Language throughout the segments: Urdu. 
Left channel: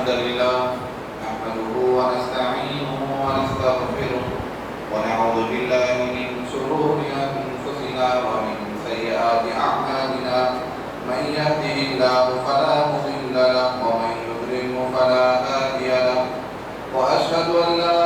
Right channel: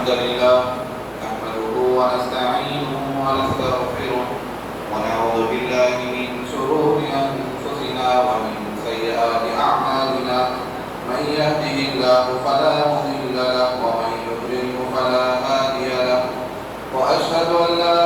الحمد لله نحمده ونستعينه ونستغفره ونعوذ بالله من شرور أنفسنا ومن سيئات أعمالنا من يهده الله فلا مضل له ومن يضلل فلا هادي له وأشهد أن لا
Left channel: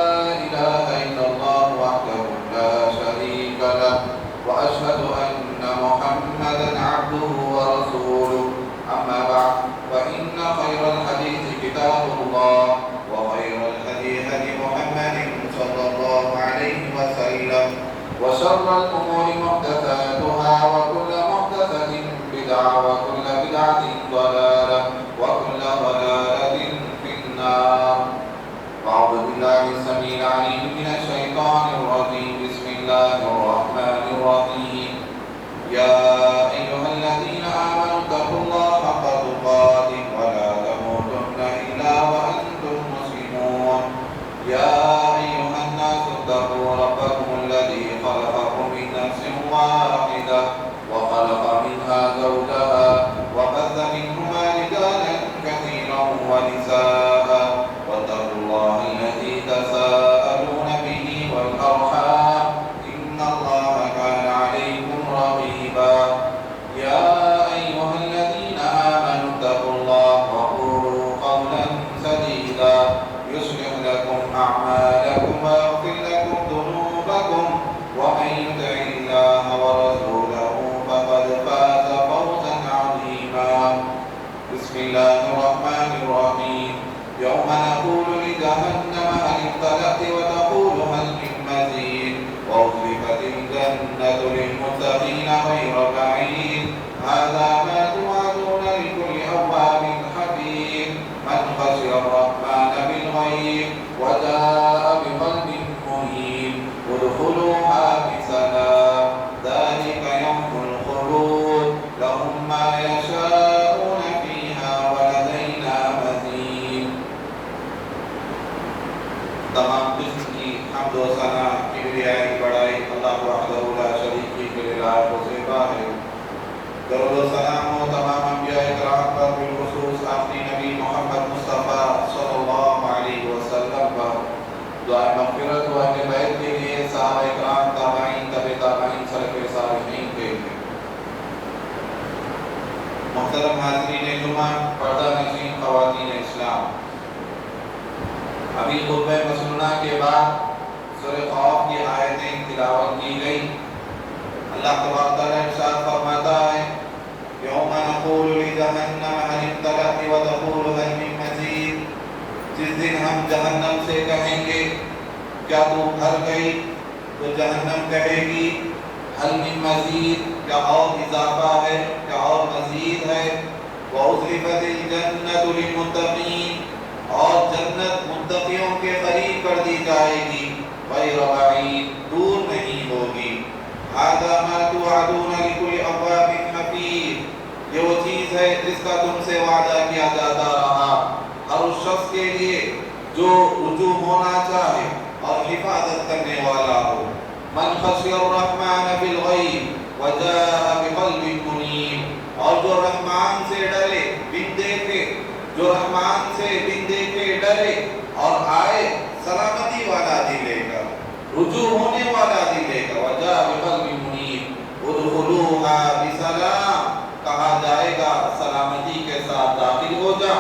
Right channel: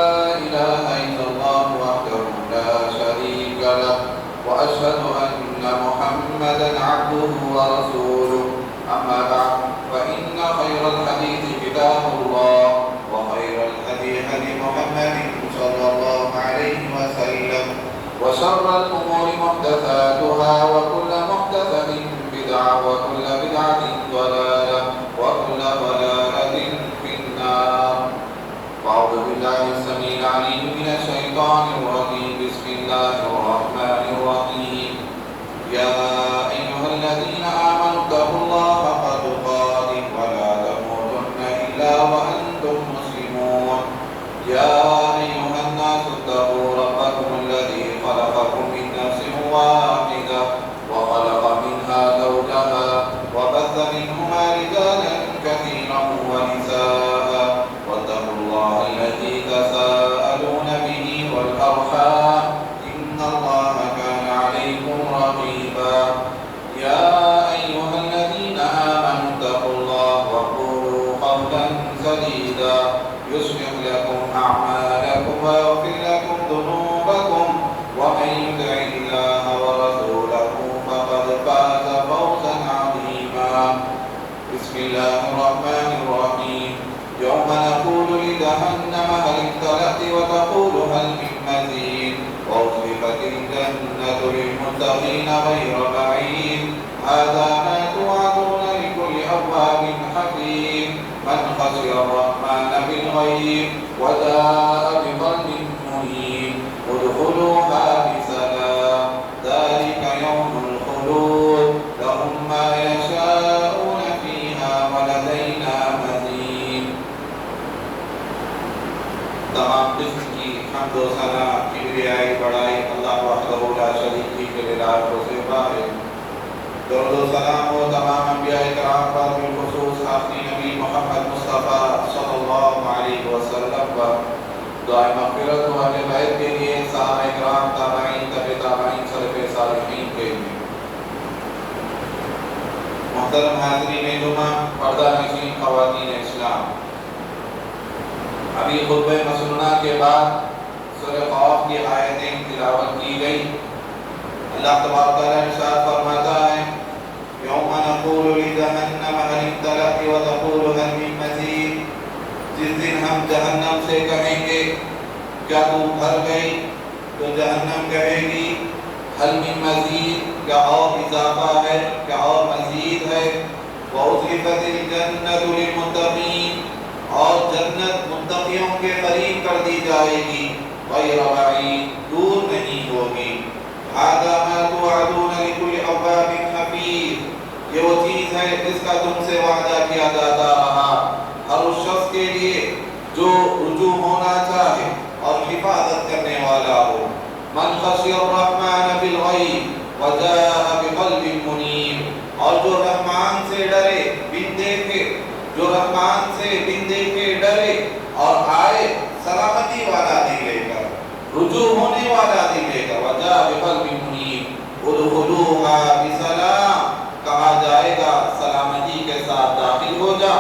إله إلا الله وحده لا شريك له وأشهد أن محمدا عبده ورسوله أما بعد فإن خير الحديث كتاب الله وخير الهدي هدي محمد صلى الله عليه وسلم وشر الأمور محدثاتها وكل محدثة بدعة وكل بدعة ضلالة وكل ضلالة في النار. أعوذ بالله السميع العليم من الشيطان الرجيم. بسم الله الرحمن الرحيم. يا أيها الذين آمنوا اتقوا الله حق تقاته ولا تموتن إلا وأنتم مسلمون. يا أيها الناس اتقوا ربكم الذي خلقكم من نفس واحدة وخلق منها زوجها وبث منهما رجالا كثيرا ونساء واتقوا الله الذي تساءلون به والأرحام إن الله كان عليكم رقيبا. يا أيها الذين آمنوا اتقوا الله وقولوا قولا سديدا يصلح لكم أعمالكم ويغفر لكم ذنوبكم ومن يطع الله ورسوله فقد فاز فوزا عظيما. بسم الله الرحمن الرحيم. يوم نقول لجهنم هل امتلأت وتقول هل من مزيد وأزلفت الجنة للمتقين غير بعيد هذا ما توعدون لكل أواب حفيظ من خشي الرحمن بالغيب وجاء بقلب منيب ادخلوها بسلام ذلك يوم الخلود لهم ما يشاءون فيها ولدينا مزيد. تمام قسم کی حمد و ثنا کبریائی بڑائی اللہ وحدہ لا شریک کے لائق و زیبا ہے. درود و سلام و تمام انبیاء کرام پر بالخصوص آخری نبی محمد مصطفیٰ صلی اللہ علیہ وسلم پر دعائے مغفرت و اہل بیت کے لیے صحابہ کرام تابعین تبع تابعین سلف صالحین کے لیے. محترم حاضرین جمعہ پردہ نشین خواتین اسلام، ابھی خطبہ مسنونہ کے بعد سورہ قاف کی آیتیں تلاوت کی گئی. اللہ تبارک تعالیٰ ارشاد فرماتا ہے یوم نقول لجہنم هل امتلأت وتقول هل من مزید. جس دن ہم جہنم سے کہیں گے کیا تو بھر گئی، تو جہنم کہے گی هل من مزید، کیا اور اضافہ ہے، کیا اور مزید ہے. وأزلفت الجنة للمتقین، اور جنت متقیوں کے قریب کر دی جائے گی، غیر بعید، دور نہیں ہوگی. هذا ما توعدون لكل أواب حفیظ، یہ وہ چیز ہے جس کا تم سے وعدہ کیا جاتا رہا ہر اس شخص کے لیے جو رجوع ہونا چاہے اور حفاظت کرنے والا ہو. من خشی الرحمن بالغیب وجاء بقلب منیب، اور جو رحمان سے ڈرے بن دیکھے، جو رحمان سے بن دیکھے ڈرے اور آئے سلامتی والا دل لے کر، رجوع ہونے والا دل لے کر. وجاء بقلب منیب ادخلوها بسلام، کہا جائے گا سلامتی کے ساتھ داخل ہو جا.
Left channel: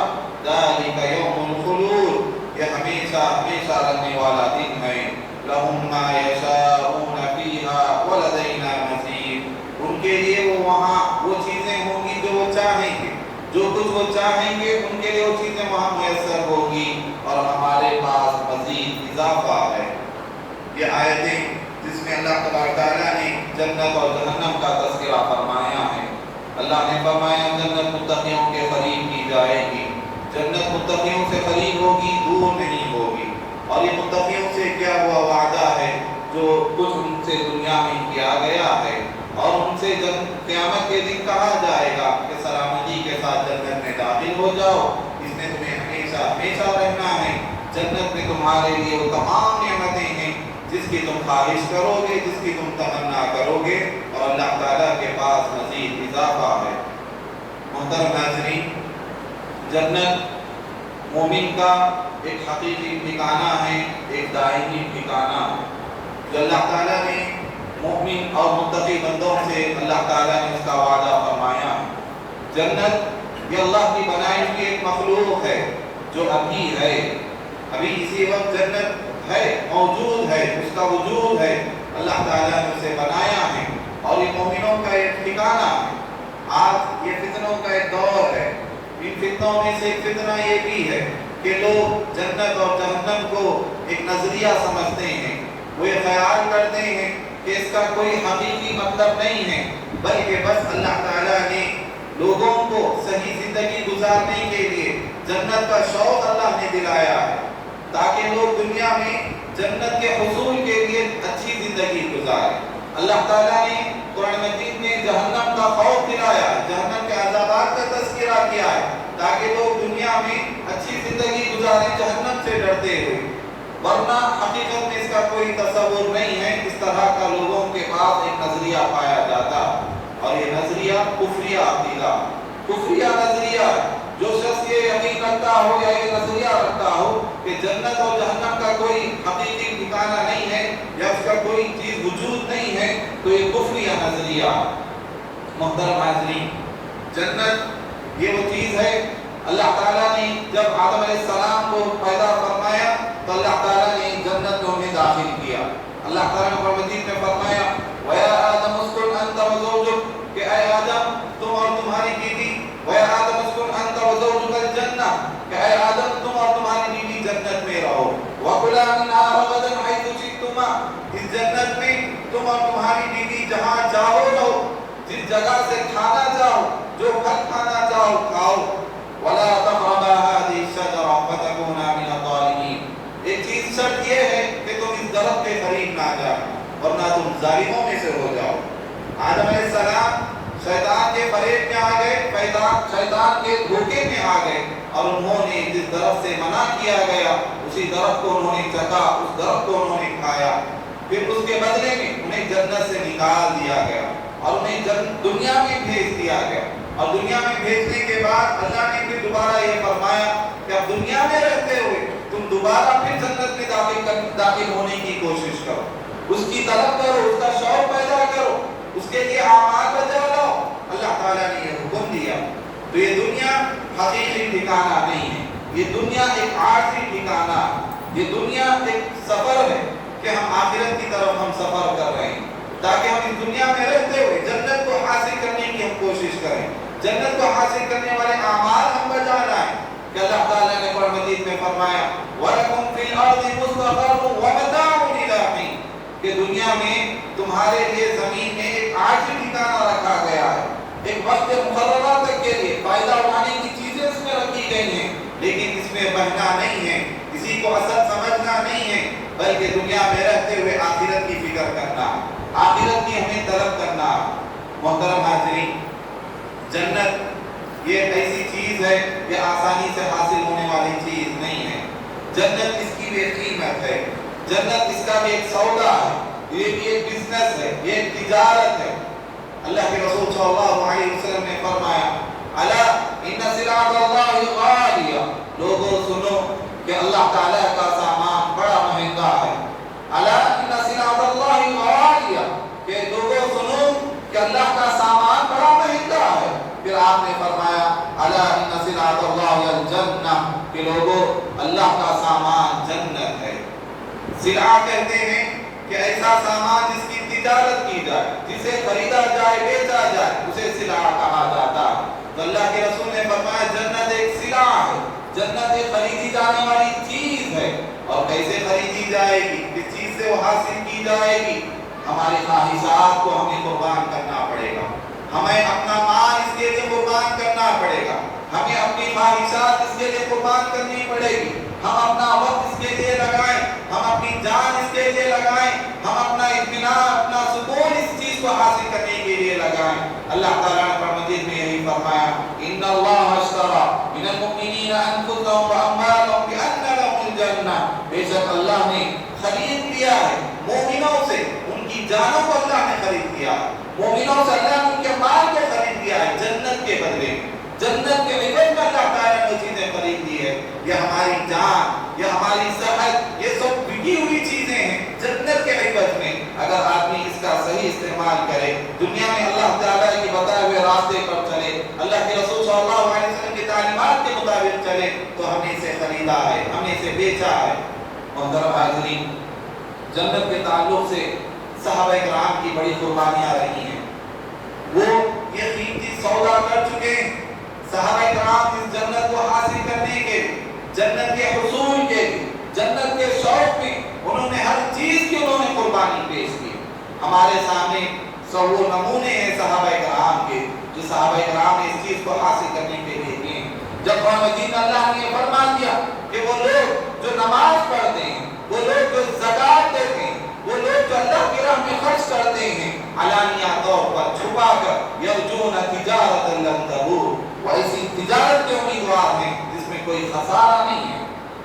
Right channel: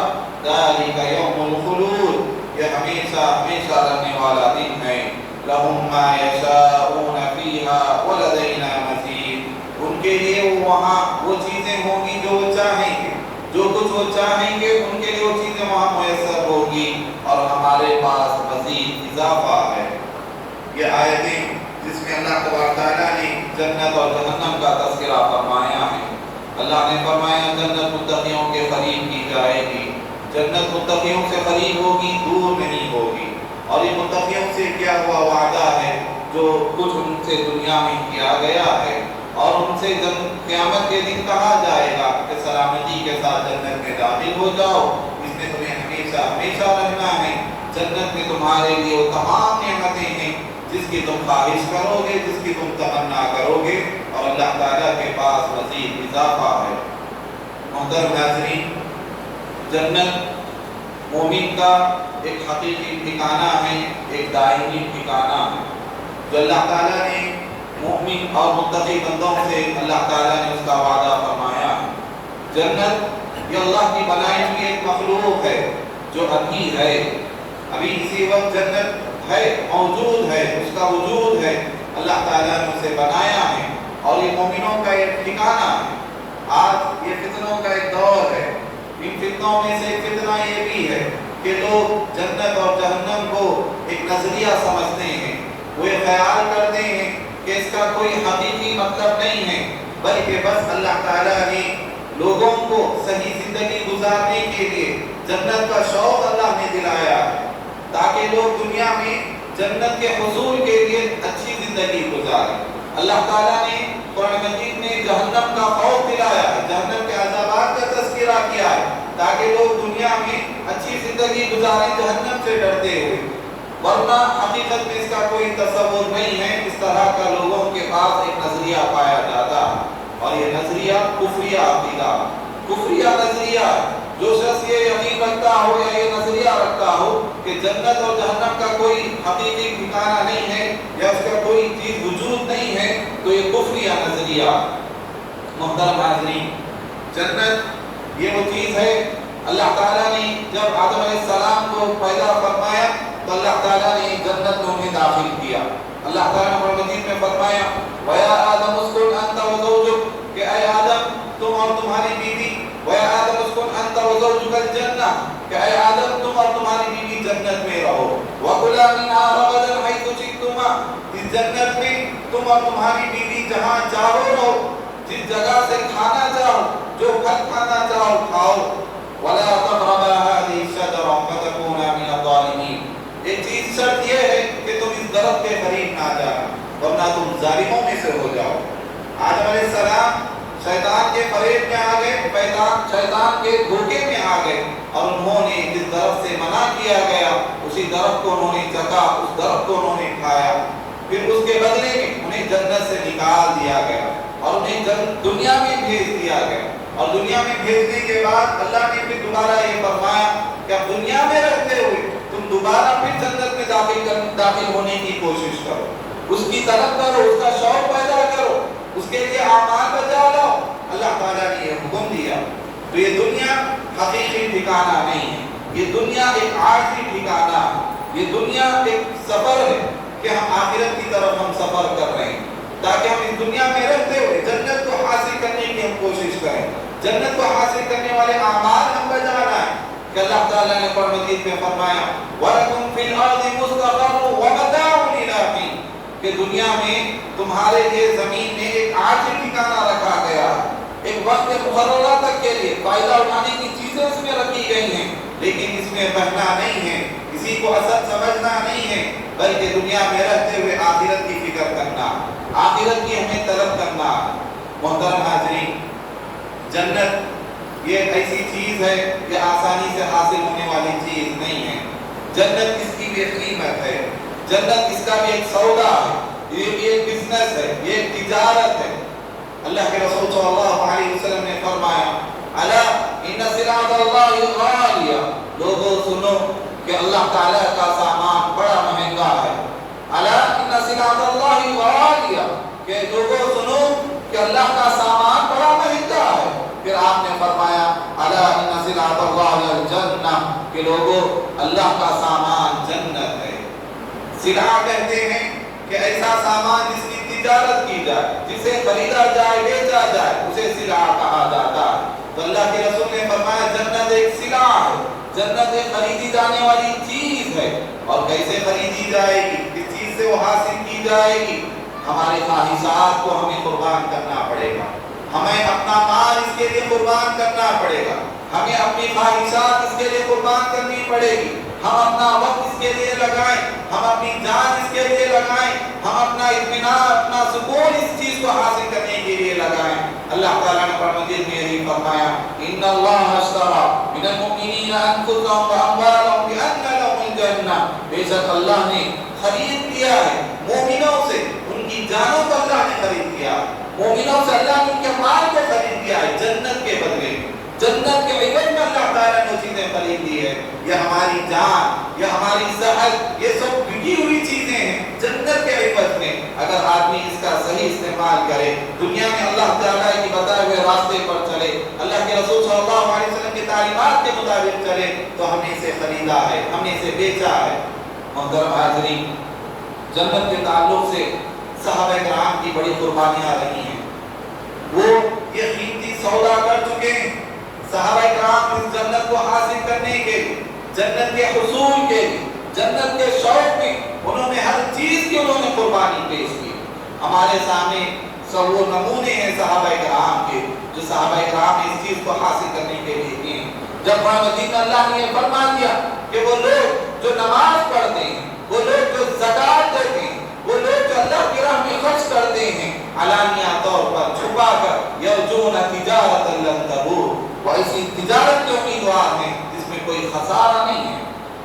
ذالک یوم الخلود، یہ ہمیشہ ہمیشہ رہنے والا دن ہے. لہم ما یشاءون فیہا ولدینا مزید، ان کے لیے وہاں وہ چیزیں ہوں گی جو وہ چاہیں گے، جو کچھ وہ چاہیں گے ان کے لیے وہ چیزیں وہاں میسر ہوگی اور ہمارے پاس مزید اضافہ ہے. یہ آیتیں جس میں اللہ تبارک تعالیٰ نے جنت اور جہنم کا تذکرہ فرمایا ہے. اللہ نے فرمایا جنت متقیوں کے قریب کی جائے گی، جنت متقیوں سے قریب ہوگی، دور نہیں ہوگی. اور یہ متقیوں سے کیا ہوا وعدہ ہے جو کچھ ان سے دنیا میں کیا گیا ہے، اور ان سے قیامت کے دن کہا جائے گا کہ سلامتی کے ساتھ جنت میں داخل ہو جاؤ، اس میں تمہیں ہمیشہ ہمیشہ رہنا ہے. جنت میں تمہارے لیے وہ تمام نعمتیں ہیں جس کی تم خواہش کرو گے، جس کی تم تمنا کرو گے، اور اللہ تعالیٰ کے پاس مزید اضافہ ہے. محترم حاضرین، جنت مومن کا ایک حقیقی ٹھکانہ ہے، ایک دائمی ٹھکانہ ہے جو اللہ تعالیٰ نے مومن اور متقی بندوں سے اللہ تعالیٰ نے اس کا وعدہ فرمایا ہے۔ جنت یہ اللہ کی بنائی ہوئی ایک مخلوق ہے جو ابھی ہے، ابھی اسی وقت جنت ہے، موجود ہے، اس کا وجود ہے، اللہ تعالیٰ نے اسے بنایا ہے اور یہ مومنوں کا ایک ٹھکانہ ہے۔ آج یہ فتنوں کا ایک دور ہے، ان فتنوں میں سے ایک فتنہ یہ بھی ہے کہ لوگ جنت اور جہنم کو ایک نظریہ سمجھتے ہیں، وہ یہ خیال کرتے ہیں کہ اس کا کوئی حقیقی مطلب نہیں ہے، بلکہ بس اللہ تعالیٰ نے لوگوں کو صحیح زندگی گزارنے کے لیے جنت کا شوق اللہ نے دلایا ہے تاکہ لوگ دنیا میں جنت کے حصول کے لیے اچھی زندگی گزاریں۔ اللہ تعالیٰ نے قرآن مجید میں جہنم کا خوف دلایا ہے، جہنم کے عذابات کا تذکرہ کیا ہے تاکہ لوگ دنیا میں اچھی زندگی گزاریں جہنم سے ڈرتے ہوئے، ورنہ حقیقت میں اس کا کوئی تصور نہیں ہے۔ اس طرح کا لوگوں کے پاس ایک نظریہ پایا جاتا ہے اور یہ نظریہ کفریہ عقیدہ، کفریہ نظریہ ہے۔ جو شخص یہ یقین رکھتا ہو یا یہ نظریہ رکھتا ہو کہ جنت اور جہنم کا کوئی حقیقی ٹھکانہ نہیں ہے یا اس کا کوئی چیز وجود نہیں ہے تو یہ کفریہ نظریہ۔ محترم حاضرین، جنت یہ وہ چیز ہے، اللہ تعالیٰ نے جب آدم علیہ السلام کو پیدا فرمایا تو اللہ تعالیٰ نے جنت میں انہیں داخل کیا۔ اللہ تعالیٰ نے قرآن مجید میں فرمایا وَيَا آدَمُ اسْكُنْ أَنْتَ وَزَوْجُكَ کہ اے آدم تم اور تمہاری بیوی، وَيَا آدَمُ اسْكُنْ أَنْتَ وَزَوْجُكَ الْجَنَّةَ کہ اے آدم تم اور تمہاری بیوی جنت میں رہو، وَكُلَا مِنْهَا رَغَدًا حَيْثُ شِئْتُمَا اس جنت میں تم اور تمہاری بیوی جہاں چاہو رہو، جس جگہ سے کھانا چاہو، جو پھل کھانا چاہو کھاؤ، وَلَا تَقْرَبَا هَٰذِهِ الشَّجَرَةَ فَتَكُونَا مِنَ الظَّالِمِينَ ایک چیز شرط یہ ہے کہ تم اس درخت کے قریب نہ جاؤ ورنہ تم ظالموں میں سے ہو جاؤ۔ آدم علیہ السلام شیطان کے فریب میں آ گئے، شیطان کے دھوکے میں آ گئے اور انہوں نے جس درخت سے منع کیا گیا اسی درخت کو انہوں نے چکھا، اس درخت کو انہوں نے کھایا، پھر اس کے بدلے میں انہیں جنت سے نکال دیا گیا اور انہیں دنیا میں بھیج دیا گیا، اور دنیا میں بھیجنے کے بعد اللہ نے پھر دوبارہ یہ فرمایا کہ اب دنیا میں رہتے ہوئے تم دوبارہ پھر جنت میں داخل ہونے کی کوشش کرو، اس کی طلب کرو، اس کا شوق پیدا کرو، اس کے لیے اعمال بجا لاؤ۔ اللہ تعالیٰ نے یہ حکم دیا۔ تو یہ دنیا حقیقی ٹھکانہ نہیں ہے، یہ دنیا ایک عارضی ٹھکانہ ہے، یہ دنیا ایک سفر ہے کہ ہم آخرت کی طرف ہم سفر کر رہے ہیں تاکہ ہم اس دنیا میں رہتے ہوئے جنت کو حاصل کرنے کی ہم کوشش کریں، جنت کو حاصل کرنے والے اعمال ہم بجا لائیں کہ اللہ تعالیٰ نے قرآن مجید میں فرمایا وَلَكُمْ فِي الْأَرْضِ مُسْتَقَرٌّ وَمَتَاعٌ إِلَىٰ حِينٍ کہ دنیا میں تمہارے لیے زمین میں ایک عارضی ٹھکانہ رکھا گیا ہے، ایک وقت مقررہ تک کے لیے فائدہ اٹھانے کی چیزیں اس میں رکھی گئی ہیں، لیکن اس میں بہنا نہیں ہے، کسی کو اصل سمجھنا نہیں ہے، بلکہ دنیا میں رہتے ہوئے آخرت کی فکر کرنا، آخرت کی ہمیں طلب کرنا۔ محترم حاضرین، جنت یہ ایک ایسی چیز ہے کہ آسانی سے حاصل ہونے والی چیز نہیں ہے، جنت اس کی بھی ایک قیمت ہے، جنت اس کا بھی ایک سودا ہے، یہ بھی ایک بزنس ہے، یہ ایک تجارت ہے۔ اللہ کے رسول صلی اللہ علیہ وسلم نے فرمایا الا ان سلعۃ اللہ غالیہ، لوگوں سنو کہ اللہ تعالیٰ کا سامان بڑا مہنگا ہے، الا ان سلعۃ اللہ غالیہ کہ لوگوں سنو کہ اللہ کا سامان بڑا مہنگا ہے، پھر آپ نے فرمایا الا ان سلعۃ اللہ الجنہ کہ لوگوں اللہ کا سامان جنت ہے۔ سلعہ کہتے ہیں کہ ایسا سامان جس کی تجارت کی جائے، جسے خریدا جائے، بیچا جائے، اسے سلعہ کہا جاتا ہے۔ تو اللہ کے رسول نے فرمایا جنت ایک سلعہ ہے، جنت ایک خریدی جانے والی چیز ہے، اور کیسے خریدی جائے گی، کس چیز سے وہ حاصل کی جائے گی؟ ہمارے خواہشات کو ہمیں قربان کرنا پڑے گا، ہمیں اپنا مال اس کے لیے قربان کرنا پڑے گا، ہمیں اپنی خواہشات اس کے لیے قربان کرنی پڑے گی، ہم اپنا وقت اس کے لیے لگائیں، ہم اپنی جان اس کے لیے لگائیں، ہم اپنا اطمینان، اپنا سکون اس چیز کو حاصل کرنے کے لیے لگائیں۔ اللہ تعالیٰ نے قرآن مجید میں یہی فرمایا ان اللہ اشترى من المؤمنین انفسهم واموالهم بان لهم الجنہ، بے شک اللہ نے خرید لیا ہے مومنوں سے، ان کی جانوں کو اللہ نے خرید لیا، مومنوں سے اللہ نے ان کے مال کو خرید لیا ہے جنت کے بدلے، جنت کے عوض میں اللہ تعالیٰ نے چیزیں خریدی ہے، یہ ہماری جان، یہ ہماری صحت، یہ سب بکی ہوئی چیزیں ہیں جنت کے عوض میں۔ اگر آدمی اس کا صحیح استعمال کرے، دنیا میں اللہ تعالیٰ کی بتائے ہوئے راستے پر چلے، اللہ کے رسول صلی اللہ علیہ وسلم کی تعلیمات کے مطابق چلے، تو ہم نے اسے خریدا ہے، ہم نے اسے بیچا ہے۔ محترم حاضرین، جنت کے تعلق سے صحابہ کرام کی بڑی قربانیاں رہی ہیں، وہ یہ قیمتی سودا کر چکے ہیں۔ صحابہ کرام اس جنت کو حاصل کرنے کے، جنت کے حصول کے، جنت کے شوق میں انہوں نے ہر چیز کی انہوں نے قربانی پیش کی۔ ہمارے سامنے سب وہ نمونے ہیں صحابہ کرام کے، جو صحابہ کرام نے اس چیز کو حاصل کرنے کے لیے کیے۔ جب قرآن مجید اللہ نے یہ فرما دیا کہ وہ لوگ جو نماز پڑھتے ہیں، وہ لوگ جو زکات دیتے ہیں، وہ لوگ جو اللہ کی راہ میں خرچ کرتے ہیں، علانیہ طور پر چھپا کر، یرجون تجارت لن تبور، وہ ایسی تجارت کے امیدوار ہیں جس میں کوئی خسارہ نہیں ہے۔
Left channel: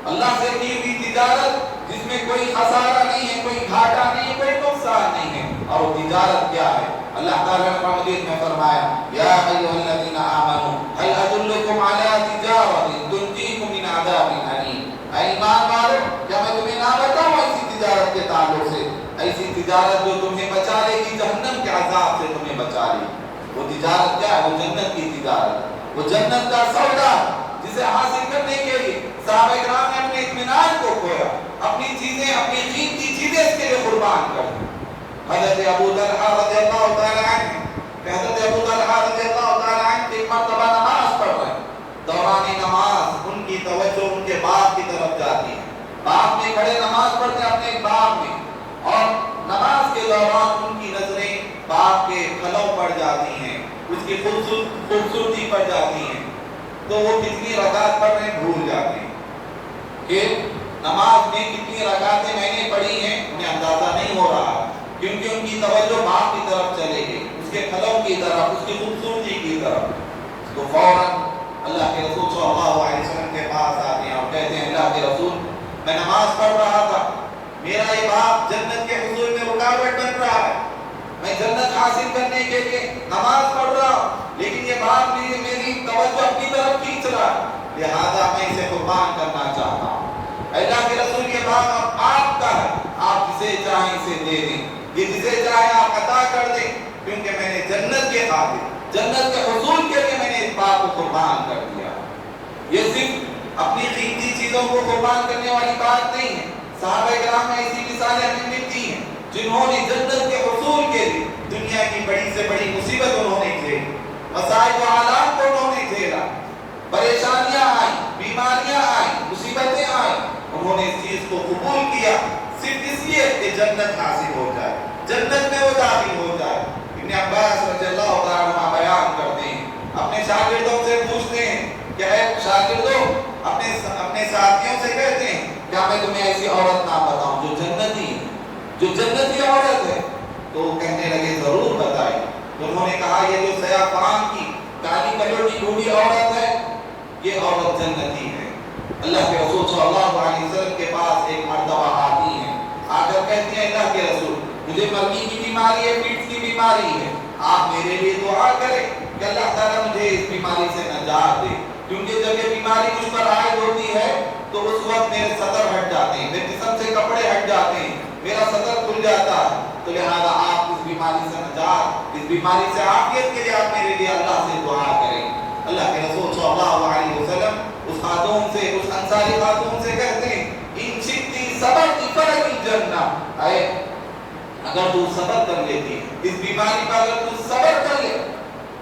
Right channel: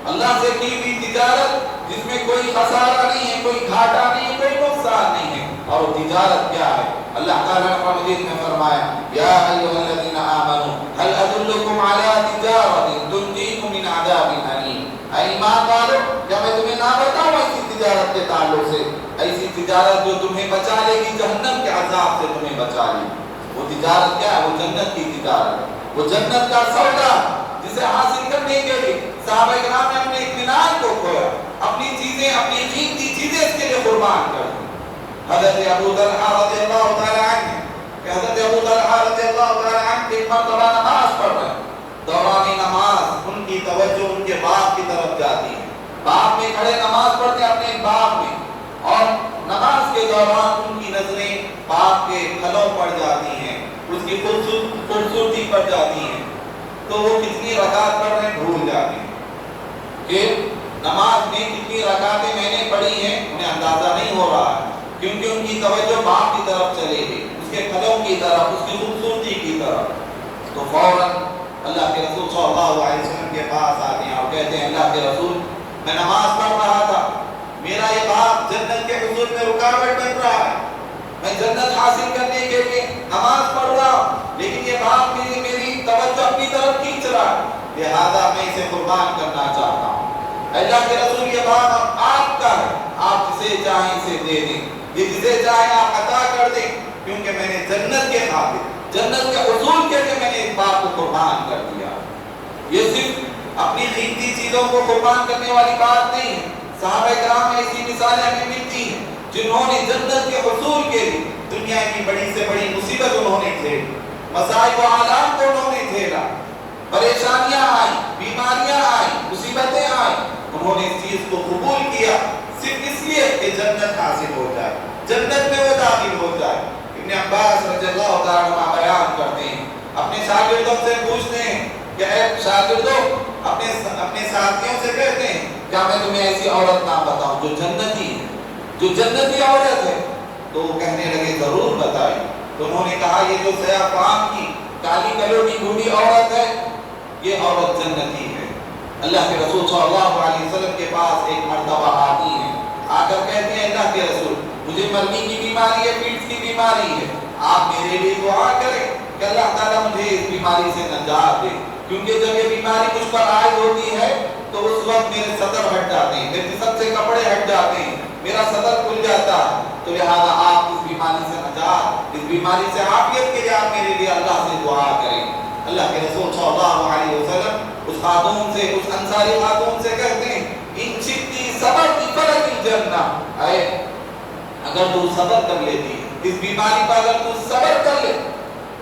اللہ سے کی ہوئی تجارت جس میں کوئی خسارہ نہیں ہے، کوئی گھاٹا نہیں ہے، کوئی نقصان نہیں ہے۔ اور وہ تجارت کیا ہے؟ اللہ تعالیٰ نے قرآن مجید میں فرمایا، یا ایھا الذین آمنوا هل ادلکم علی تجارۃ تنجیکم من عذاب الیم۔ اے ایمان والو، کیا میں تمہیں نہ بتاؤں ایسی تجارت کے تعلق سے، ایسی تجارت جو تمہیں بچا لے گی جہنم کے عذاب سے، تمہیں بچا لے گی۔ وہ تجارت کیا ہے؟ وہ جنت کی تجارت، وہ جنت کا سودا جسے حاصل کرنے کے لیے صحابہ کرام نے اپنے اطمینان کو کھویا، اپنی چیزیں، اپنی قیمتی چیزیں اس کے لیے قربان کر دی۔ حضرت ابو طلحہ رضی اللہ تعالی عنہ، حضرت ابو طلحہ رضی اللہ تعالی عنہ ایک مرتبہ نماز پڑھ رہے ہیں، دوران نماز ان کی توجہ ان کے باغ کی طرف جاتی ہے، باغ میں کھڑے نماز پڑھتے ہیں اپنے باغ میں، اور نماز کے دوران ان کی نظریں باغ کے پھلوں پر جاتی ہیں، اس کی خوبصورتی پر جاتی ہیں، تو وہ کتنی رکعت پڑھ رہے ہیں بھول جاتے ہیں کہ نماز میں کتنی رکعتیں میں نے پڑھی ہیں، انہیں اندازہ نہیں ہو رہا، کیونکہ ان کی توجہ باغ کی طرف چلے گئی، اس کے پھلوں کی طرف، اس کی خوبصورتی کی طرف۔ تو فوراً اللہ کے رسول صلی اللہ علیہ وسلم کے پاس آتے ہیں اور کہتے ہیں، اللہ کے رسول، میں نماز پڑھ رہا تھا، میرا یہ باغ جنت کے حصول میں رکاوٹ بن رہا ہے، میں جنت حاصل کرنے کے لیے نماز پڑھ رہا ہوں، لیکن یہ باغ میری توجہ اپنی طرف کھینچ رہا ہے، لہذا میں اسے قربان کرنا چاہتا ہوں۔ اللہ کے رسول، یہ باغ آپ کا ہے، آپ جسے چاہیں اسے دے دیں، یہ جسے چاہیں آپ عطا کر دیں، کیونکہ میں نے جنت کے خاطر، جنت کے حصول کے لیے میں نے اس باغ کو قربان کر دیا۔ یہ صرف اپنی قیمتی چیزوں کو قربان کرنے والی بات نہیں ہے، صحابہ کرام میں ایسی مثالیں ہمیں ملتی ہیں جنہوں نے جنت کے حصول کے لیے دنیا کی بڑی سے بڑی مصیبت انہوں نے جھیلی، مصائب و آلات کو انہوں نے جھیلا، پریشانیاں آئیں، بیماریاں آئیں، مصیبتیں آئیں، انہوں نے اس چیز کو قبول کیا صرف اس لیے کہ جنت حاصل ہو جائے، جنت میں وہ داخل ہو جائے۔ ابن عباس رضی اللہ تعالیٰ عنہ بیان کرتے ہیں، اپنے شاگردوں سے پوچھتے ہیں کہ اے شاگردوں، اپنے ساتھیوں سے کہتے ہیں، کیا میں تمہیں ایسی عورت نہ بتاؤں جو جنتی ہے، جو جنتی عورت ہے؟ تو وہ کہنے لگے، ضرور بتائیے۔ تو انہوں نے کہا، یہ جو سیاہ فام کی کالی کلر کی بوڑھی عورت ہے، یہ عورت جنتی ہے۔ اللہ کے رسول صلی اللہ علیہ وسلم کے پاس ایک مرتبہ آتی ہیں، آ کر کہتے ہیں، اللہ کے رسول، مجھے مرنے کی بیماری ہے، پیٹھ کی بیماری ہے، آپ میرے لیے دعا کریں کہ اللہ تعالیٰ مجھے اس بیماری سے نجات دے، کیونکہ جب یہ بیماری مجھ پر عائد ہوتی ہے تو اس وقت میرے صدر ہٹ جاتے ہیں، میرے جسم سے کپڑے ہٹ جاتے ہیں، میرا صدر کھل جاتا ہے، تو لہذا آپ اس بیماری سے نجات، اس بیماری سے عافیت کے لیے آپ میرے لیے اللہ سے دعا کریں۔ اللہ کے رسول صلی اللہ علیہ وسلم اس خاتون سے، اس انصاری خاتون سے کہتے ہیں، ان شئتی صبرتی فلک الجنہ، اے اگر تو صبر کر لیتی اس بیماری پر، اگر تو صبر کر لے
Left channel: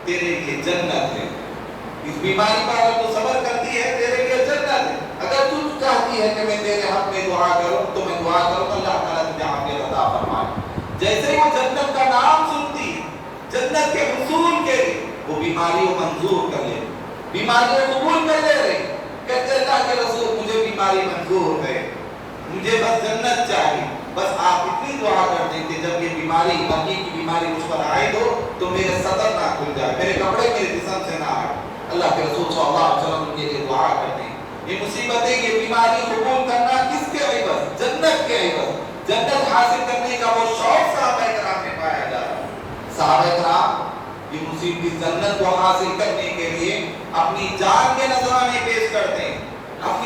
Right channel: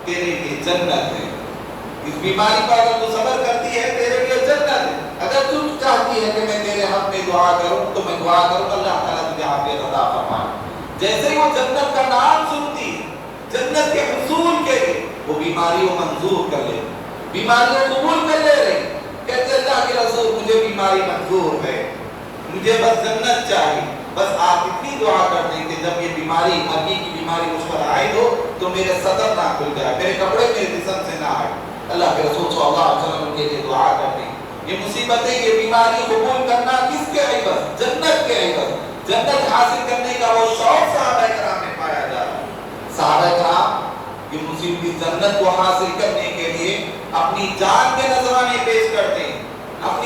تیرے لیے جنت ہے، اس بیماری پر اگر تو صبر کرتی ہے تیرے لیے جنت ہے۔ اگر تو چاہتی ہے کہ میں تیرے حق میں دعا کروں تو میں دعا کروں، اللہ تعالیٰ تجھے عافیت عطا فرمائے۔ جیسے ہی وہ جنت کا نام سنتی ہے، جنت کے حصول کے لیے وہ بیماری کو منظور کر لے، بیماری کو قبول کر لے رہے، کہتے اللہ کے رسول، مجھے بیماری منظور ہے، مجھے بس جنت چاہیے، بس آپ اتنی دعا کر دیں کہ جب یہ بیماری، مرنے کی بیماری مجھ پر عائد ہو تو میرے صدر نہ کھل جائے، میرے کپڑے میرے جسم سے نہ آئے۔ اللہ کے رسول صلی اللہ علیہ وسلم کے لیے دعا کرتے ہیں۔ یہ مصیبتیں، یہ بیماری قبول کرنا کس کے عوض؟ جنت کے عوض، جنت حاصل کرنے کا وہ شوق صحابہ کرام میں پایا جا رہا ہے۔ صحابہ کرام یہ مصیبت جنت کو حاصل کرنے کے لیے اپنی جان کے نذرانے پیش کرتے ہیں،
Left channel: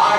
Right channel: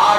8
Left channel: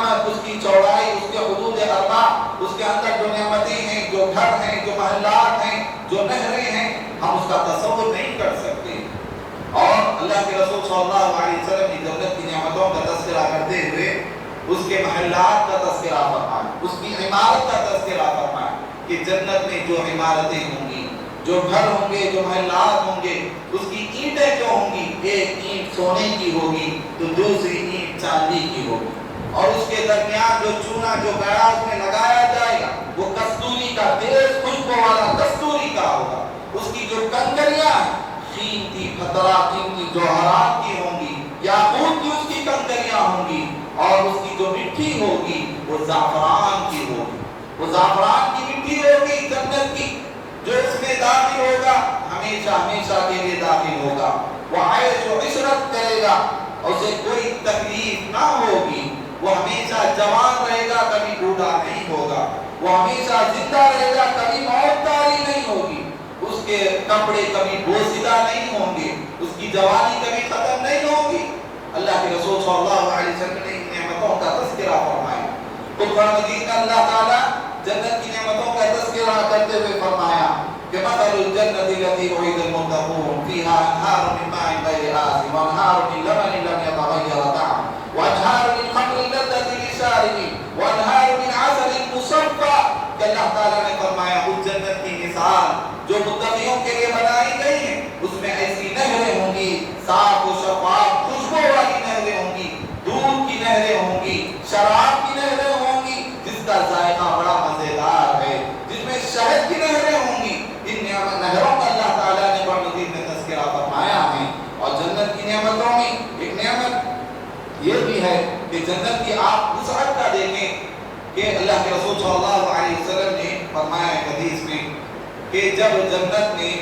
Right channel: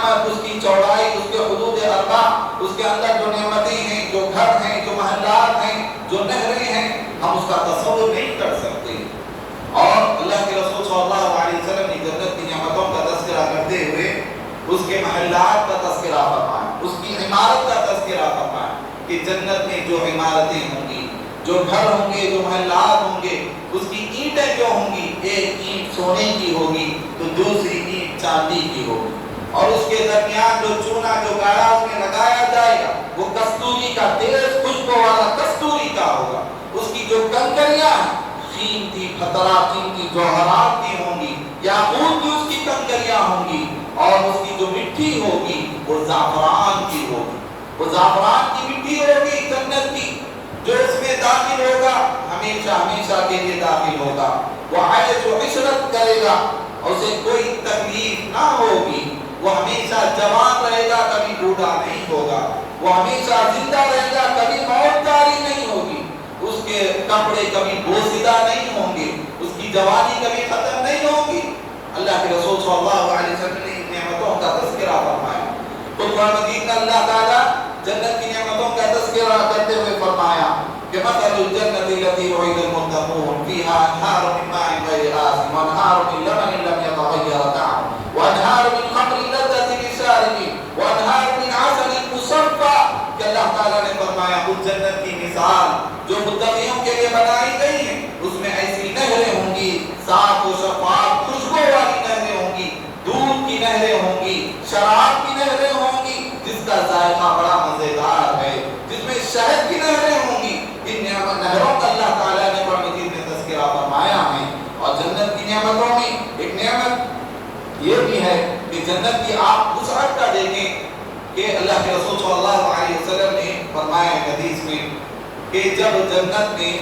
نعمت، اس کی چوڑائی، اس کے حدود اربع، اس کے اندر جو نعمتیں ہیں، جو گھر ہیں، جو محلات ہیں، جو نہریں ہیں، ہم اس کا تصور نہیں کر سکتے۔ اور اللہ کے رسول صلی اللہ علیہ وسلم نے جنت کی نعمتوں کا تذکرہ کرتے ہوئے اس کے محلات کا تذکرہ فرمایا، اس کی عمارت کا تذکرہ فرمایا کہ جنت میں جو عمارتیں ہوں گی، جو گھر ہوں گے، جو محلات ہوں گے، اس کی اینٹیں جو ہوں گی، ایک اینٹ سونے کی ہوگی تو دوسری اینٹ چاندی کی ہوگی، اور اس کے درمیان جو چونا، جو گاڑا اس میں لگایا جائے گا وہ کستوری کا، تیز خوشبو والا کستوری کا ہوگا۔ اس کی جو کنکریاں قیمتی خطرات، قیمتی جوہرات کی ہوں گی، یاقوت کی اس کی کنکریاں ہوں گی، اور اس کی جو مٹی ہوگی وہ زعفران کی ہوگی، وہ زعفران کی مٹی ہوگی جنت کی۔ جو اس میں داخل ہوگا ہمیشہ ہمیشہ کے لیے داخل ہوگا، وہ عیش و عشرت کرے گا، اسے کوئی تکلیف نہ ہوگی، وہ ہمیشہ جوان رہے گا، کبھی بوڑھا نہیں ہوگا، وہ ہمیشہ زندہ رہے گا، کبھی موت طاری نہیں ہوگی، اس کے کپڑے کبھی بوسیدہ نہیں ہوں گے، اس کی جوانی کبھی ختم نہیں ہوگی۔ اللہ کے رسول صلی اللہ علیہ وسلم نے ان نعمتوں کا تذکرہ فرمایا۔ قرآن مجید میں اللہ تعالیٰ جنت کی نعمتوں کا تذکرہ کرتے ہوئے فرمایا کہ مثل الجنة التي وعد المتقون فيها أنهار من ماء غير آسن وأنهار من لبن لم يتغير طعمه وأنهار من خمر لذة للشاربين وأنهار من عسل مصفى۔ کہ اللہ تعالیٰ نے فرمایا اس جنت کی مثال جو متقیوں کے لیے بنائی گئی ہے، اس میں ایسی نہریں ہوں گی، صاف و شفاف خوشبو والی نہریں ہوں گی، دودھ کی نہریں ہوں گی، شراب کی نہریں ہوں گی جس کا ذائقہ بڑا مزیدار ہے، جس میں شہد کی نہریں ہوں گی۔ ان نہروں کا اللہ تعالیٰ نے قرآن مجید میں تذکرہ فرمایا ہے۔ اور جنت کی نعمتوں میں ایک نعمت یہ بھی ہے کہ جنت کی آپ وسعت کا دیکھیں کہ اللہ کے رسول صلی اللہ علیہ وسلم نے فرمایا حدیث میں کہ جب جنت میں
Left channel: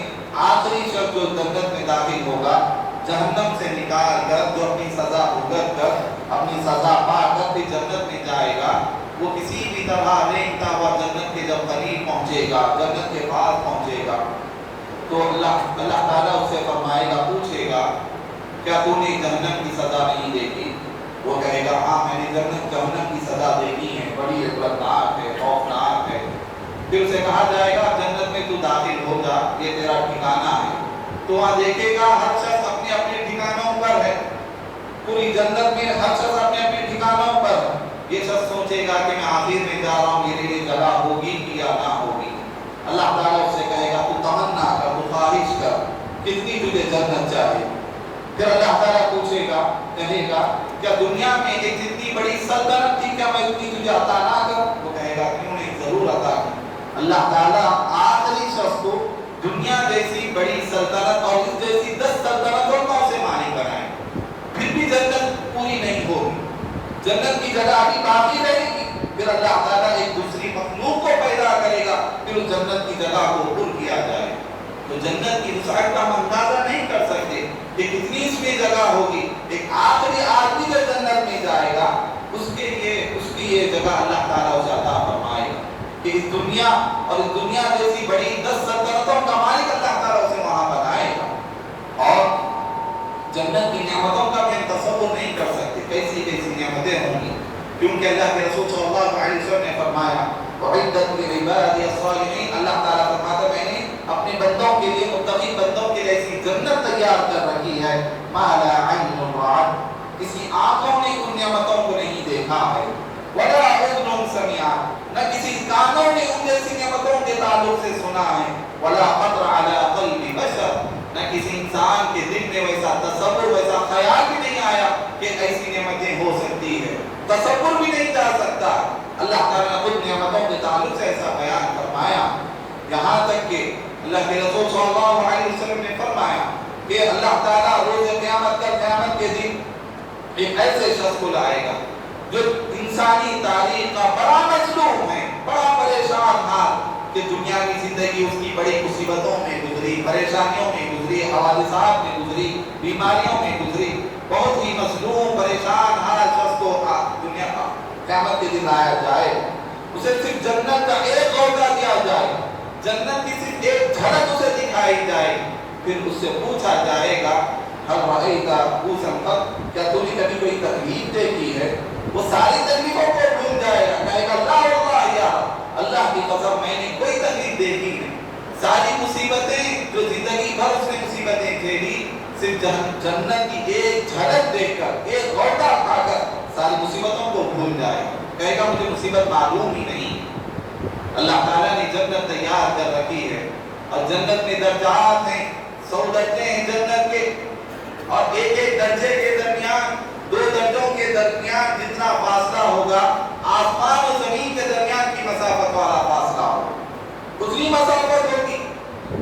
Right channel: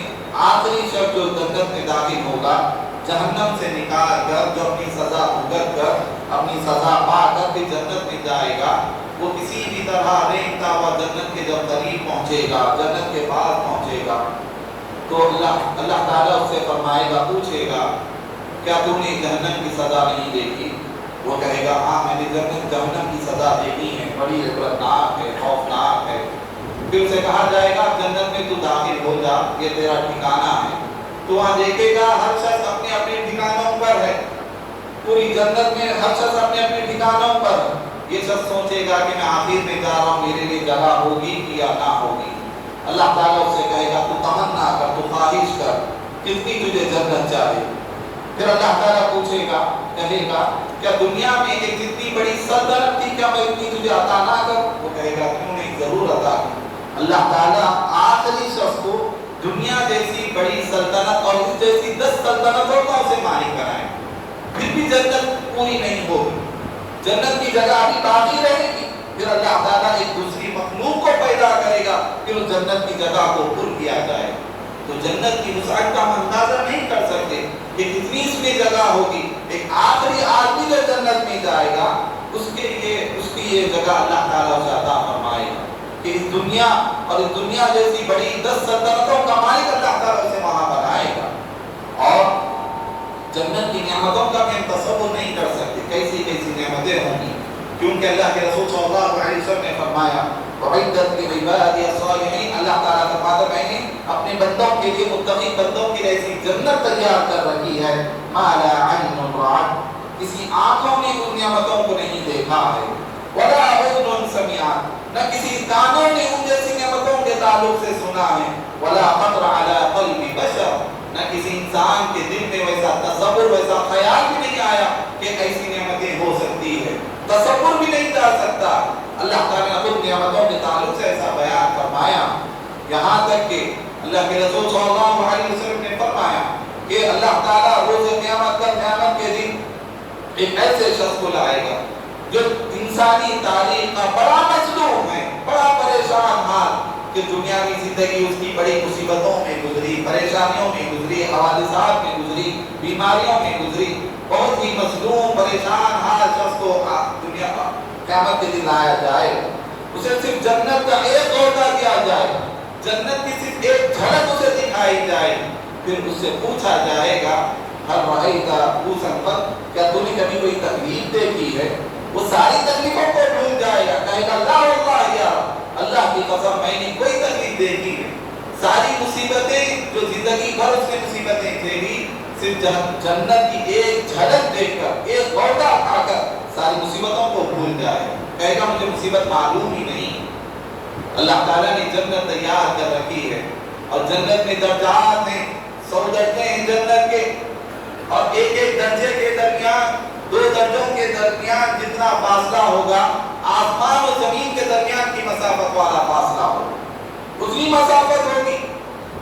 آخری شخص جو جنت میں داخل ہوگا، جہنم سے نکال کر، جو اپنی سزا بھگت کر، اپنی سزا پا کر پھر جنت میں جائے گا، وہ کسی بھی طرح رینگتا ہوا جنت کے جب قریب پہنچے گا، جنت کے پاس پہنچے گا تو اللہ تعالیٰ اس سے فرمائے گا، پوچھے گا کیا تم نے جہنم کی سزا نہیں دیکھی؟ وہ کہے گا ہاں میں نے جہنم کی سزا دیکھی ہے، بڑی عبرتناک ہے، خوفناک ہے۔ پھر اسے کہا جائے گا جنت میں تو داخل ہو جا، یہ تیرا ٹھکانہ ہے۔ تو وہاں دیکھے گا ہر شخص اپنے اپنے ٹھکانوں پر ہے، پوری جنت میں ہر شخص اپنے اپنے ٹھکانوں پر ہے۔ یہ شخص سوچے گا کہ میں آخر میں جا رہا ہوں، میرے لیے جگہ ہوگی یا نہ ہوگی۔ اللہ تعالیٰ اس سے کہے گا تو تمنا کر، تو خواہش کر، کتنی تجھے جنت چاہیے۔ پھر اللہ تعالیٰ پوچھے گا، کہے گا کیا دنیا میں ایک جتنی بڑی سلطنت تھی، کیا میں اتنی تجھے عطا نہ کروں؟ وہ کہے گا کیوں نہیں، ضرور عطا کروں۔ اللہ تعالیٰ آخری شخص کو دنیا جیسی بڑی سلطنت اور اس جیسی 10 سلطنتوں کا اسے مالک بنائے، پھر بھی جنت پوری نہیں ہوگی، جنت کی جگہ ابھی باقی رہے گی۔ پھر اللہ تعالیٰ ایک دوسری مخلوق کو پیدا کرے گا، پھر اس جنت کی جگہ کو پر کیا جائے۔ تو جنت کی وسعت کا ہم اندازہ نہیں کر سکتے کہ کتنی اس میں جگہ ہوگی۔ ایک آخری آدمی جو جنت میں جائے گا اس کے لیے اس کی یہ جگہ اللہ تعالیٰ اسے عطا فرمائے گا کہ اس دنیا اور اس دنیا جیسی بڑی 10 سلطنتوں کا مالک اللہ تعالیٰ اسے وہاں بنائے گا۔ اور جنت کی نعمتوں کا بھی ہم تصور نہیں کر سکتے کیسی کیسی نعمتیں ہوں گی، کیونکہ اللہ کے رسول صلی اللہ علیہ وسلم نے فرمایا وعدت لعبادی الصالحین، اللہ تعالیٰ فرماتا ہے میں نے اپنے بندوں کے لیے، متقی بندوں کے لیے ایسی جنت تیار کر رکھی ہے ما لا عین رأت، کسی آنکھوں نے ان نعمتوں کو نہیں دیکھا ہے، ولا اذن سمعت، نہ کسی کانوں نے ان جیسی نعمتوں کے تعلق سے سنا ہے، ولا خطر علی قلب بشر، نہ کسی انسان کے دل میں ویسا تصور، ویسا خیال بھی نہیں آیا کہ ایسی نعمتیں ہو سکتی ہے، تصور بھی نہیں جا سکتا۔ اللہ تعالیٰ نے خود نعمتوں کے تعلق سے ایسا بیان فرمایا، یہاں تک کہ اللہ کے رسول صلی اللہ علیہ وسلم نے فرمایا کہ اللہ تعالیٰ روز قیامت کا، قیامت کے دن ایک ایسے شخص کو لائے گا جو انسانی تاریخ کا بڑا مظلوم ہے، بڑا پریشان حال، کہ دنیاوی زندگی اس کی بڑی مصیبتوں میں گزری، پریشانیوں میں گزری، حوادثات میں گزری، بیماریوں میں گزری، بہت ہی مظلوم پریشان حال شخص کو دنیا کا قیامت کے دن لایا جائے، اسے صرف جنت کا ایک عہدہ دیا جائے، جنت کی صرف ایک جھلک اسے دکھائی جائے، پھر اس سے پوچھا جائے گا ہر رأیت بوسا قط، کیا تو نے کبھی کوئی تکلیف دیکھی ہے؟ وہ ساری تکلیفوں مصیبتیں جو زندگی بھر اس نے مصیبتیں کھیلی، صرف جنت کی ایک جھلک دیکھ کر، ایک غوطہ کھا کر ساری مصیبتوں کو بھول جائے، کہے گا مجھے مصیبت معلوم ہی نہیں۔ اللہ تعالیٰ نے جنت تیار کر رکھی ہے، اور جنت میں درجات ہیں، 100 درجے ہیں جنت کے، اور ایک ایک درجے کے درمیان، 2 درجوں کے درمیان جتنا فاصلہ ہوگا آسمان و زمین کے درمیان کی مسافت والا فاصلہ ہوگا، اتنی مسافت ہوگی۔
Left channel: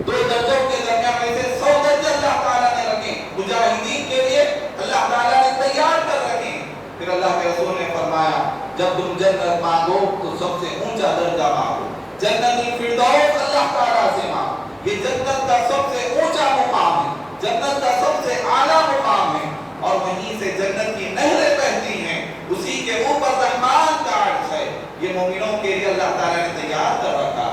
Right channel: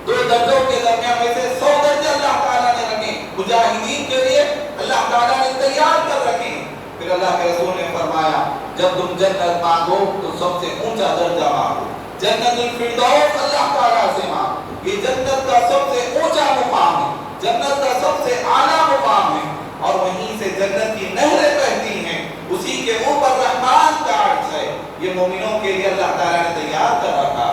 2 درجوں کے درمیان میں سے 100 درجے اللہ تعالیٰ نے رکھے مجاہدین کے لیے، اللہ تعالیٰ نے تیار کر رکھے۔ پھر اللہ کے رسول نے فرمایا جب تم جنت مانگو تو سب سے اونچا درجہ مانگو، جنت الفردوس اللہ تعالیٰ سے مانگو، یہ جنت کا سب سے اونچا مقام ہے، جنت کا سب سے اعلیٰ مقام ہے، اور وہیں سے جنت کی نہریں بہتی ہیں، اسی کے اوپر رحمان کا عرش ہے، یہ مومنوں کے لیے اللہ تعالیٰ نے تیار کر رکھا۔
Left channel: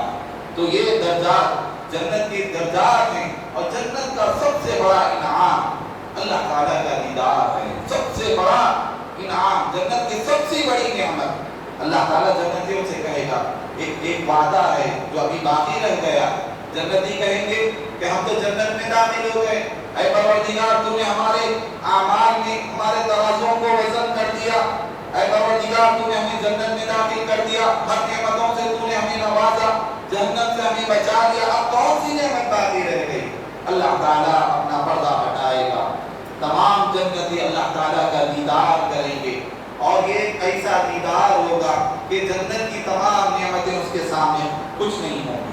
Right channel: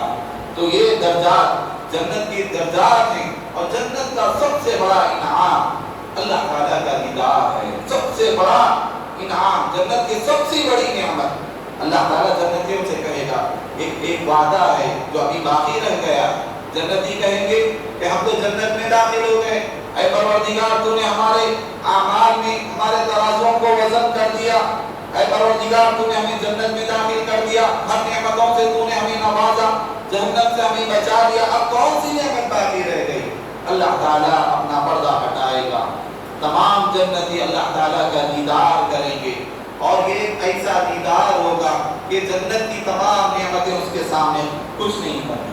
تو یہ درجات جنت کی درجات ہیں، اور جنت کا سب سے بڑا انعام اللہ تعالیٰ کا دیدار ہے، سب سے بڑا انعام، جنت کی سب سے بڑی نعمت۔ اللہ تعالیٰ جنتیوں سے کہے گا، ایک وعدہ ہے جو ابھی باقی رہ گیا، جنتی کہیں گے کہ ہم تو جنت میں داخل ہو گئے، اے پروردگار تو نے ہمارے اعمال میں ہمارے ترازوں کو وزن کر دیا، اے پروردگار تو نے ہمیں جنت میں داخل کر دیا، ہر نعمتوں سے تو نے ہمیں نوازا، جہنم سے ہمیں بچا لیا، اب کون سی نعمت باقی رہ گئی؟ اللہ تعالیٰ اپنا پردہ ہٹائے گا، تمام جنتی اللہ تعالیٰ کا دیدار کریں گے، اور یہ ایک ایسا دیدار ہوگا کہ جنت کی تمام نعمتیں اس کے سامنے کچھ نہیں ہوگی۔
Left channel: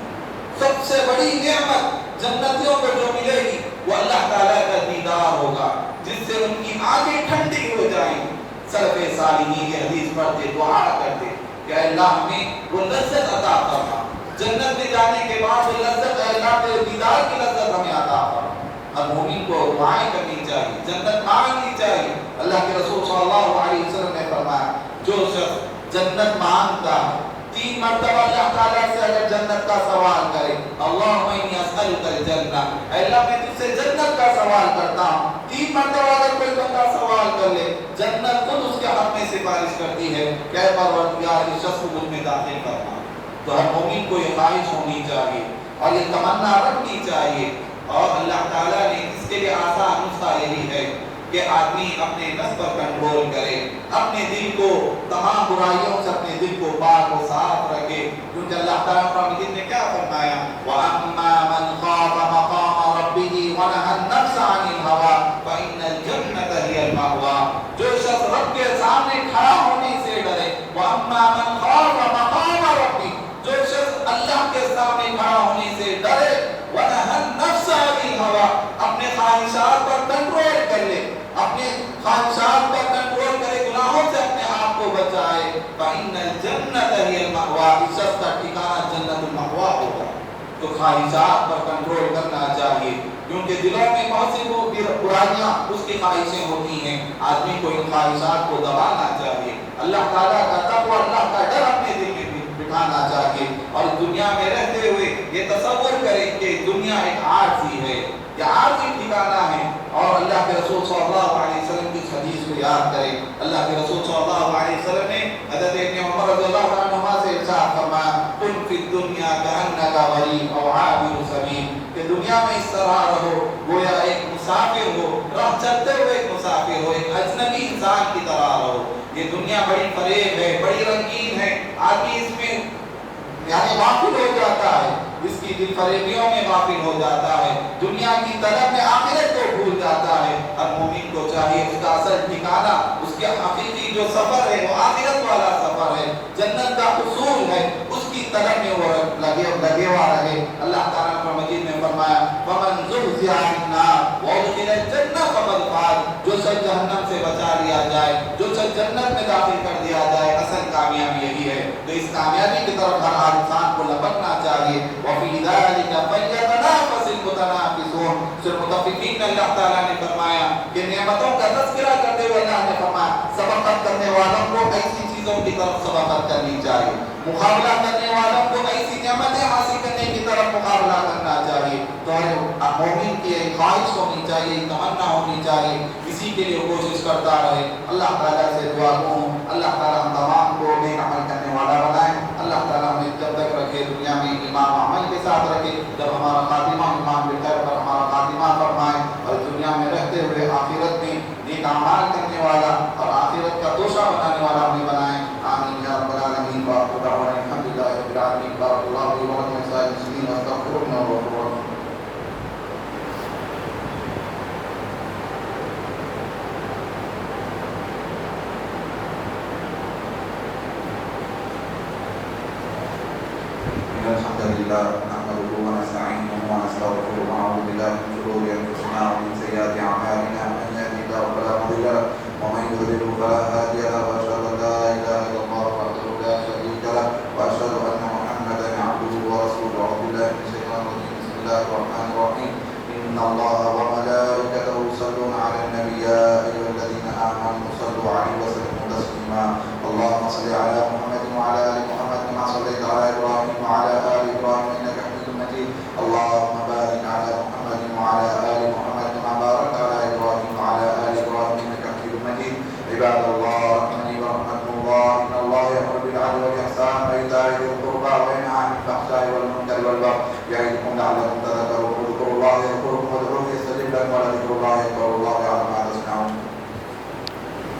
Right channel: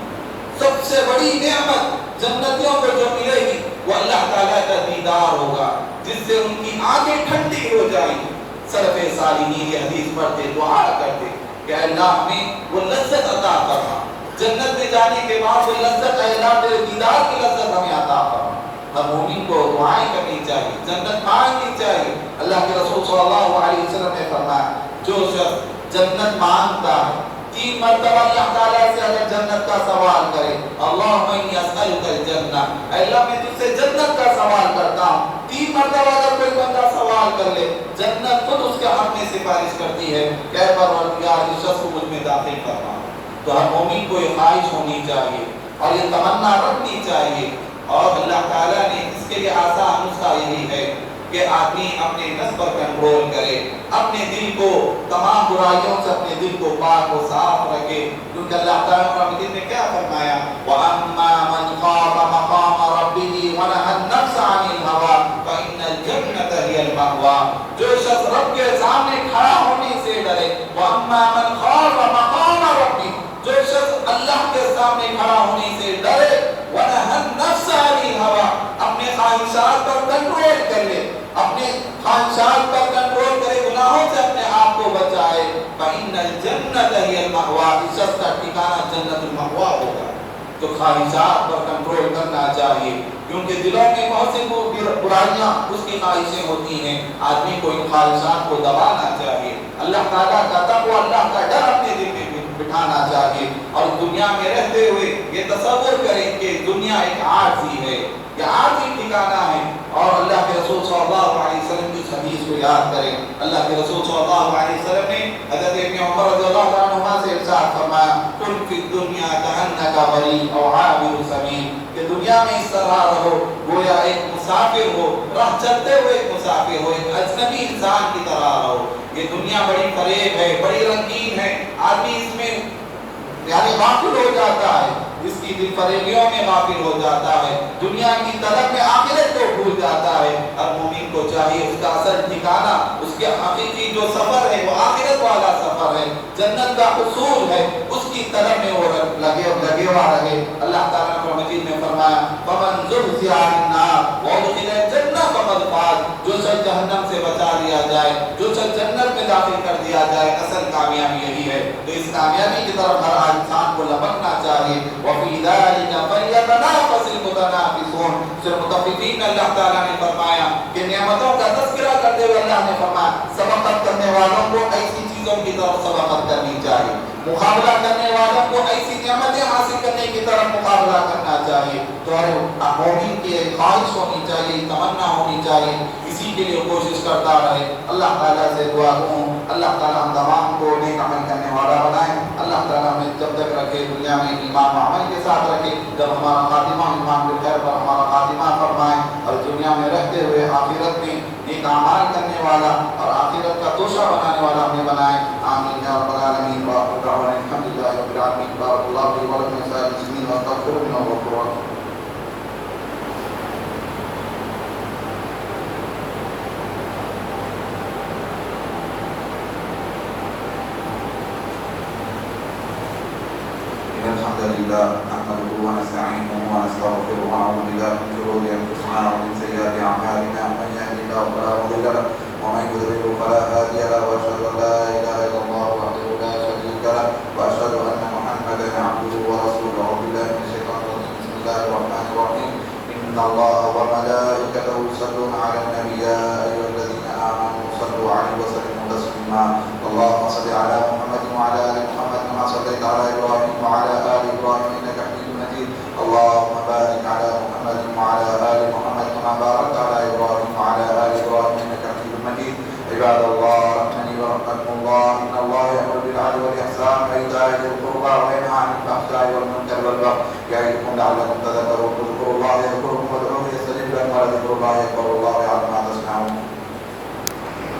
سب سے بڑی نعمت جنتیوں کو جو ملے گی وہ اللہ تعالیٰ کا دیدار ہوگا، جس سے ان کی آنکھیں ٹھنڈی ہو جائیں گی۔ سلف صالحین یہ حدیث پڑھتے دعا کرتے کہ اللہ ہمیں وہ لذت عطا فرما، جنت میں جانے کے بعد وہ لذت، اے اللہ تیرے دیدار کی لذت ہمیں عطا فرما۔ ہر مومن کو دعائیں کرنی چاہیے، جنت مانگنی چاہیے۔ اللہ کے رسول صلی اللہ علیہ وسلم نے فرمایا جو شخص جنت مانگتا ہے 3 مرتبہ اللہ تعالیٰ سے اگر جنت کا سوال کرے، اللہم انی اسألک الجنہ، اے اللہ میں تجھ سے جنت کا سوال کرتا ہوں، 3 مرتبہ اگر کوئی بندہ سوال کر لے، جنت خود اس کے حق میں سفارش کرتی ہے کہ اے پروردگار اس شخص کو مجھ میں داخل فرما۔ تو ہر مومن کو یہ خواہش ہونی چاہیے اور یہ تمنا رکھنی چاہیے، اور اللہ تعالیٰ نے اس کے لیے آسان نسخہ یہی ہے کہ آدمی اپنے نفس پر کنٹرول کرے، اپنے دل کو تمام برائیوں سے اپنے دل کو پاک و صاف رکھے، کیونکہ اللہ تعالیٰ قرآن مجید میں کیا فرمایا، وَأَمَّا مَنْ خَافَ مَقَامَ رَبِّهِ وَنَهَى النَّفْسَ عَنِ الْهَوَىٰ فَإِنَّ الْجَنَّةَ هِيَ الْمَأْوَىٰ۔ جو شخص رب کے سامنے کھڑا ہونے سے ڈرے، وَأَمَّا مَنْ خَافَ مَقَامَ رَبِّهِ، جو شخص اللہ کے سامنے کھڑا ہونے سے ڈرے، وَنَهَى النَّفْسَ عَنِ الْهَوَىٰ، اپنے خواہشات پر کنٹرول کر لے، اپنے خواہشات پر کنٹرول کرے، گناہوں سے اپنے آپ کو بچائے، فَإِنَّ الْجَنَّةَ هِيَ الْمَأْوَىٰ، اس شخص کا ٹھکانہ جنت المأویٰ ہوگا۔ تو خواہشات پر کنٹرول کرنا چاہیے، کیونکہ دلوں میں بہت سی برائیاں اس کی خواہشیں ہوتی ہیں، آدمی کو ان خواہشات کو دبانا چاہیے، اللہ تعالیٰ کا تقوی، اللہ کا ڈر اپنے دل میں بٹھانا چاہیے، اور دنیا میں رہتے ہوئے یہ تصور کریں کہ دنیا ایک عارضی ہے، یہ عارضی ٹھکانہ ہے، اور اللہ کے رسول صلی اللہ علیہ وسلم کی حدیث کو یاد کریں۔ اللہ کے رسول صلی اللہ علیہ وسلم نے حضرت ابن عمر رضی اللہ عنہما سے ارشاد فرمایا، کن فی الدنیا کأنک غریب او عابر سبیل، کہ دنیا میں اس طرح رہو گویا ایک مسافر ہو، راہ چلتے ہوئے ایک مسافر ہو، ایک اجنبی انسان کی طرح رہو۔ یہ دنیا بڑی فریب ہے، بڑی رنگین ہے، آدمی اس میں یعنی غافل ہو جاتا ہے، اس کی دل فریبیوں میں غافل ہو جاتا ہے، دنیا کی طلب میں آخرت کو بھول جاتا ہے۔ ہر مومن کو چاہیے اس کا اصل ٹھکانہ، اس کے حقیقی جو سفر ہے وہ آخرت والا سفر ہے، جنت کا حصول ہے، اس کی طلب میں وہ لگے ہوا رہے۔ اللہ تعالیٰ نے مجید میں فرمایا، فَمَنْ زُحْزِحَ عَنِ النَّارِ وَأُدْخِلَ الْجَنَّةَ فَقَدْ فَازَ، جو شخص جہنم سے بچا لیا جائے، جو شخص جنت میں داخل کر دیا جائے، اصل کامیابی یہی ہے۔ تو اس کامیابی کی طرف ہر انسان کو لپکنا چاہیے۔ وَفِي ذَلِكَ فَلْيَتَنَافَسِ الْمُتَنَافِسُونَ، پھر متفقین میں اللہ تعالیٰ نے فرمایا کہ نعمتوں کا تذکرہ کرتے ہوئے اللہ نے فرمایا سبقت کرنے والوں کو ایسی چیزوں کی طرف سبقت کرنی چاہیے، مقابلہ کرنے والوں کو ایسی نعمتیں حاصل کرنے کی طرف مقابلہ کرنا چاہیے۔ تو ہر مومن کی ایک خواہش ہونی چاہیے، تمنا ہونی چاہیے، اسی کے لیے کوشش کرتا رہے۔ اللہ تعالیٰ سے دعا کروں اللہ تعالیٰ ہم تمام کو نیک عمل کرنے والا بنائے، اللہ تعالیٰ ہمیں جب تک رکھے دنیا میں ایمان و عمل کے ساتھ رکھے، جب ہمارا خاتمہ ایمان بالخیر پر ہمارا خاتمہ فرمائے اور دنیا میں رہتے ہوئے آخرت میں نیک اعمال کرنے والا اور آخرت کا توشہ بنانے والا ہمیں بنائے. آمین یا رب العالمین. وآخر دعوانا الحمد للہ رب العالمین. بارک اللہ فی ولکم ولسائر المسلمین واستغفروہ انہ هو الغفور الرحیم. الحمد لله نحمده ونستعينه ونستغفره ونعوذ بالله من شرور انفسنا ومن سيئات اعمالنا من يهده الله فلا مضل له ومن يضلل فلا هادي له واشهد ان لا اله الا الله وحده لا شريك له واشهد ان محمدا عبده ورسوله. اعوذ بالله من الشيطان الرجيم. بسم الله الرحمن الرحيم. ان الله وملائكته يصلون على النبي يا ايها الذين امنوا صلوا عليه وسلموا تسليما. اللهم صل على محمد وعلى ال محمد كما صليت على ابراهيم وعلى ال ابراهيم انك حميد مجيد. اللهم بارك على محمد وعلى ال محمد كما باركت على ابراهيم وعلى ال ابراهيم انك حميد مجيد. عباد الله رحمني ورحمكم الله. ان الله يامر بالعدل والاحسان وايتاء ذي القربى وينهى عن الفحشاء والمنكر والبغي يعظكم لعلكم تذكرون. اذكروا الله يذكركم وادعوه يستجب لكم ولذكر الله اكبر والله يعلم ما